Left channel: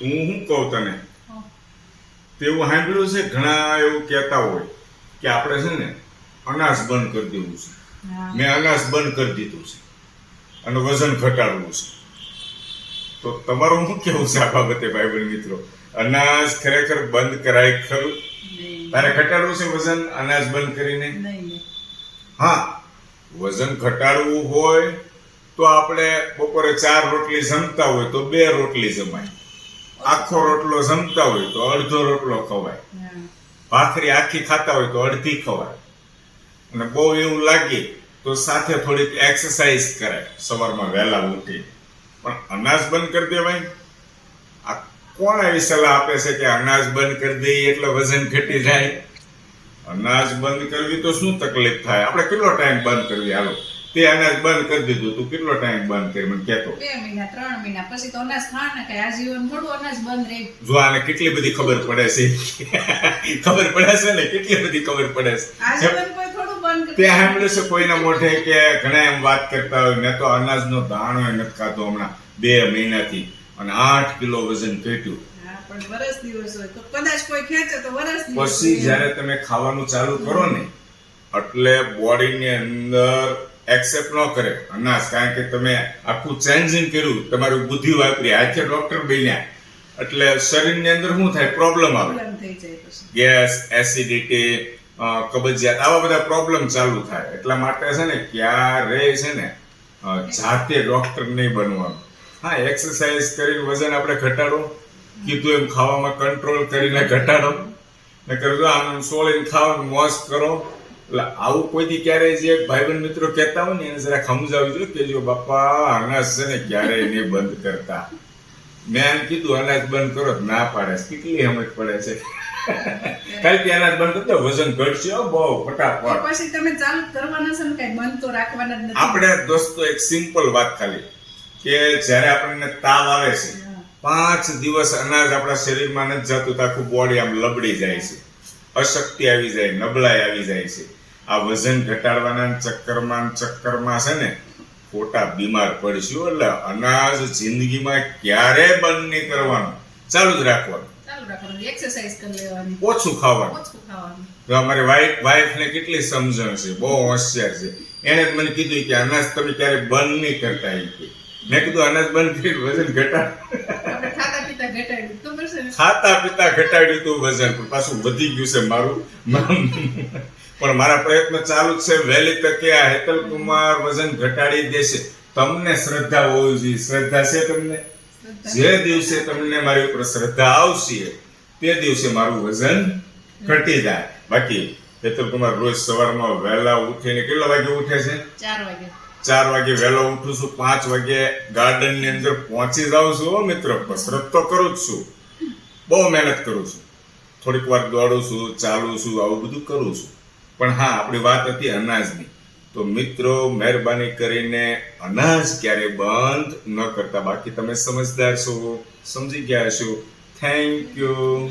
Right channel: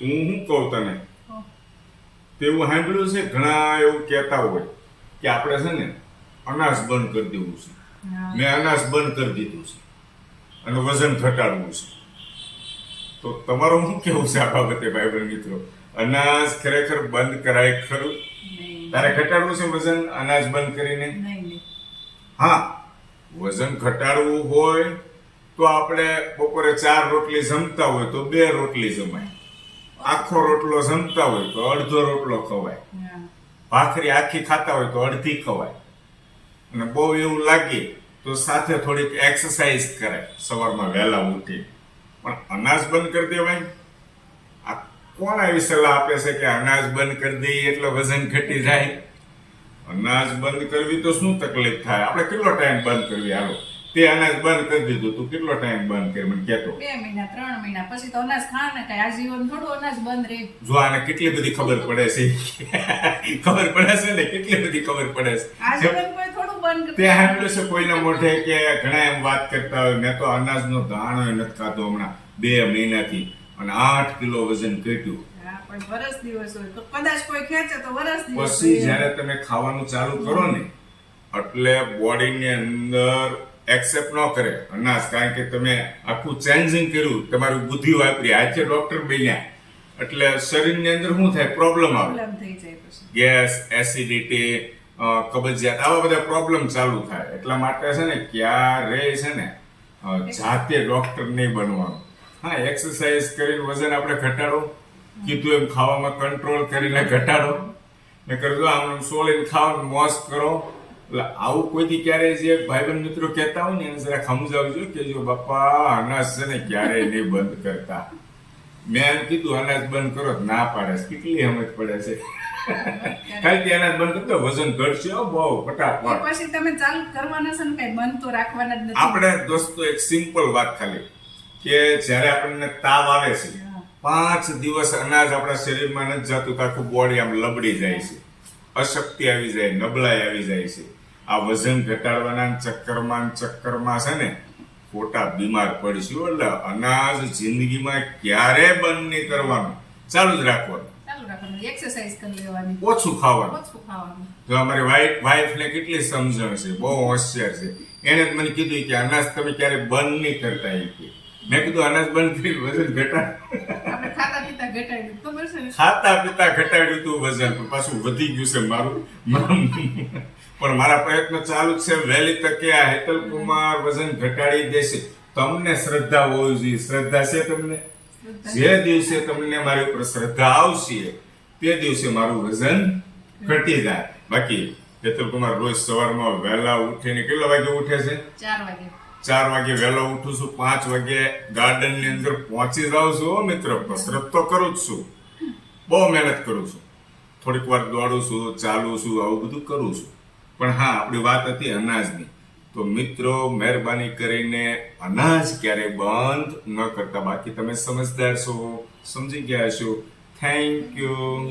હું શું કહું તને, તેવું સાંભળ્યું છે ઘણા એવું કહેતા હોય કે આપણે છે ને અનાજ બંધ કરી દેવું છે. મેં અનાજ બંધ કરી દીધું છે અને વજન ઘટાડવું છે. તો તમારું શું કેવું છે આ બાબતે ભાઈ મિત્રો? અનાજ ખરેખર બંધ કરાય ખરું? તારે ઘટાડવું છે વજન અનાજ બંધ કરીને? હા, વજન ઘટાડવું હોય તો આપણે બપોરે 4 રોટલી જમતા હોય તો 2 રોટલી જમાય, આખો રોટલો જમતા હોય તો અડધો રોટલો ખવાય, ભાખરી આખી ખાતા હોય તો અડધી ખવાય, અને બહુ એવું લાગે તો સાથે થોડીક એક્સરસાઇઝ કરાય સવારમાં વહેલા ઉઠી. પણ અનાજ બંધ કરી દેવાય? આ કોણ આવી સલાહ આપે છે કે અનાજ બંધ કરી દઈએ એટલે વજન ઘટી જાય? અનાજ બંધ કરવી તો શું તકલીફ થાય? આપણે કેટલો ટાઈમ બંધ કરવી? હાલો, તે અનાજ બંધ કરી દીધું, તું કેટલો ટાઈમ બંધ કરી મને કહેતો? 2 મહિના 3 મહિના પછી તો અનાજ ખા ને કઈ આજીવન થોડું અનાજ બંધ રહે. જો આને કેટલી બધી ખબર પડે છે. ખબર પડે છે ને, કેટલી બધી ખબર પડે છે. આજીવન કોઈ થોડું બંધ તે સાંભળ્યું છે કોઈના મોઢે કે ઘણા એમ વાત કરતા હોય મેં તો અનાજનો દાણો નથી ખાતો હમણાં 2 મહિનાથી અને 8 કિલો વજન ઘટ્યું. પણ વરસ દિવસ હોય તો કદાચ કોઈ ખેંચે તો વરસ દિવસ. પછી જ્યારે તમે ખાવાનું ચાલુ કરો ને એટલે બોડીની અંદર એક્સેપ્ટ ન કરે અનાજ, કારણ કે તમે આખું ચેન્જિંગ કર્યું, તમારું બુદ્ધિ વાપરી, આજે ડોક્ટર બન્યા, એટલે શરીરની અંદર શું થાય? પ્રોબ્લેમ આવે, થઈ જાય પછી ગેસ, એસિડિટી, કબજિયાત, આવા બધા પ્રોબ્લેમ ચાલુ થાય. એટલા માટે છે ને ક્યારે છે ને જાતે ડોક્ટર નહીં બનવાનું. હા, એક્સરસાઇઝ કરીને વજન આપણે ઘટાડો, કીધું એમ ખાવામાં કંટ્રોલ કરીને ઘટાડો, ને કરજો આમ સોળીને ખાવાનું મોજ કરો. એટલે આવું કોઈથી ક્યારેય જે ભાઈબંધ મિત્રો કહેતા હોય ને એને જરા સમજાવજો કે જો બાપા અનાજ છે ને ક્યારેય નહીં બંધ કરતા. મેં એમ કીધું અનાજ બંધ કરો, ના પાડે. કેટલી સમજ પડે છે. કારણ કે અનાજ બંધ કરતો વજન ઘટશે બહુ ફટાફટ. પછી તમે ચાલુ કરવાના છે ને કઈ બંધ તો રાખવાના જ નથી. આપણે દોસ્તો એક સિમ્પલ વાત ખાલી કે જ્યારે આપણને તાવ આવે છે 5 દિવસ અનાજ આપણા શરીરમાં નથી જતું તો આખું બોડી આમ લબડી જાય છે, અશક્તિ આવી જાય, નબળાઈ આવી જાય છે. આ વજન ઘટાડવાના ચક્કરમાં છે ને ખોટા બીમાર પડશું. એટલે અનાજ જિંદગીમાં ક્યારે બંધ નહીં કરવાનું, ચાલુ જ રાખવાનું. એક્સરસાઇઝ કરી લેવાની, ઓછું ખાવાનું. ઓછું ખાવાનું. તો અમારી વાઈફને કેટલી સમજણ છે, બહુ હોશિયાર છે. એણે જ મને કીધું કે અનાજ તમે ક્યારે બંધ નહીં કરતા. એ કે મેં કીધું અનાજ બંધ કરી વજન ઘટાડ. આપણે ખાતા પીતા ઘટાડ્યું, ખબર છે ને? ખાતા પીતા ઘટાડ્યું તું વજન, પણ પાછું વધી ગયું છે મારું. પણ મારા પ્રયત્ન ચાલુ જ છે. વહેલી તકે આ હેતલ કુમાર વજન ઘટાડી દેશે. તમને શ્રદ્ધા હોવી જોઈએ. શ્રદ્ધા છે તમને? જે દિવસે તમને મારી ઉપર શ્રદ્ધા આવશે તે દિવસે મારું વજન ઘટી જાય. બાકી હેતલ કુમાર રોજ સવારમાં વહેલા ઉઠીને કેટલા વાગે ઉઠે છે? 4 વાગે. 4 વાગે વહેલો ઉઠું છું, 5 વાગે ગાર્ડન ની અંદર પહોંચી જાઉં છું. મિત્રો કસરત તો કરું જ છું, બહુ મહેનત કરું છું, થોડીક વાર દોડું છું, ચાલું છું, આવું બધું કરું છું. પણ હા, આપણી વાત હતી અનાજની. તો મિત્રો મહેરબાની કરીને અનાજ ક્યારે બંધ ન કરતા. બાકી તમે સમજદાર છો, સમજી ગયા છો. Thank you.